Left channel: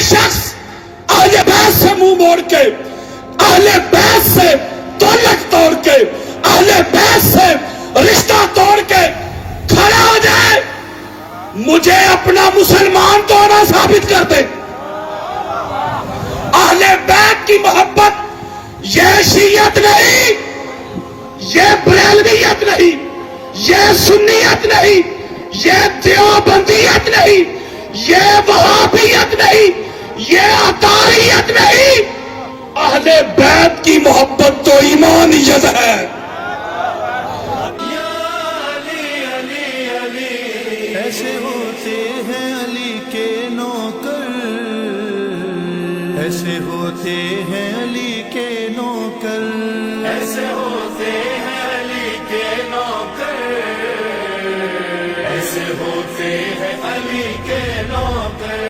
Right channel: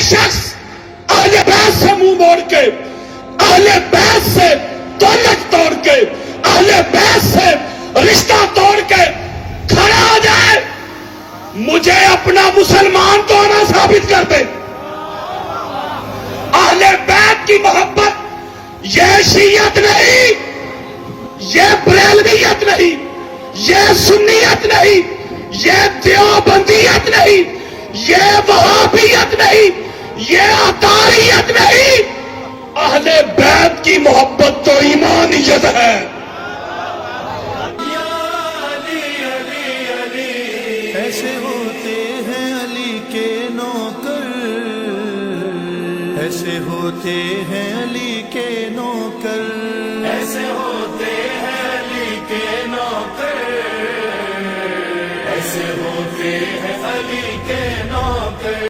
कोई शख्स अहले बैत से मुंह मोड़ के, अहले बैत से तौलक तोड़ के, अहले बैत से रिश्ता तोड़ के खड़ा हो जाए, मुझे अपना मुसलमान तो ना साबित कर दे। अहले बैत की मोहब्बत ये शियत नहीं, ये बरेलवियत नहीं, ये सुन्नियत नहीं, ये देवबंदियत नहीं, ये वहाबियत नहीं, ये अतारियत नहीं। अहले बैत की मोहब्बत तो ईमानियत है। ऐसे होते हैं अली के नौकर, ऐसे होते हैं अली के नौकर, ऐसे होते हैं अली के नौकर, ऐसे होते हैं अली के नौकर।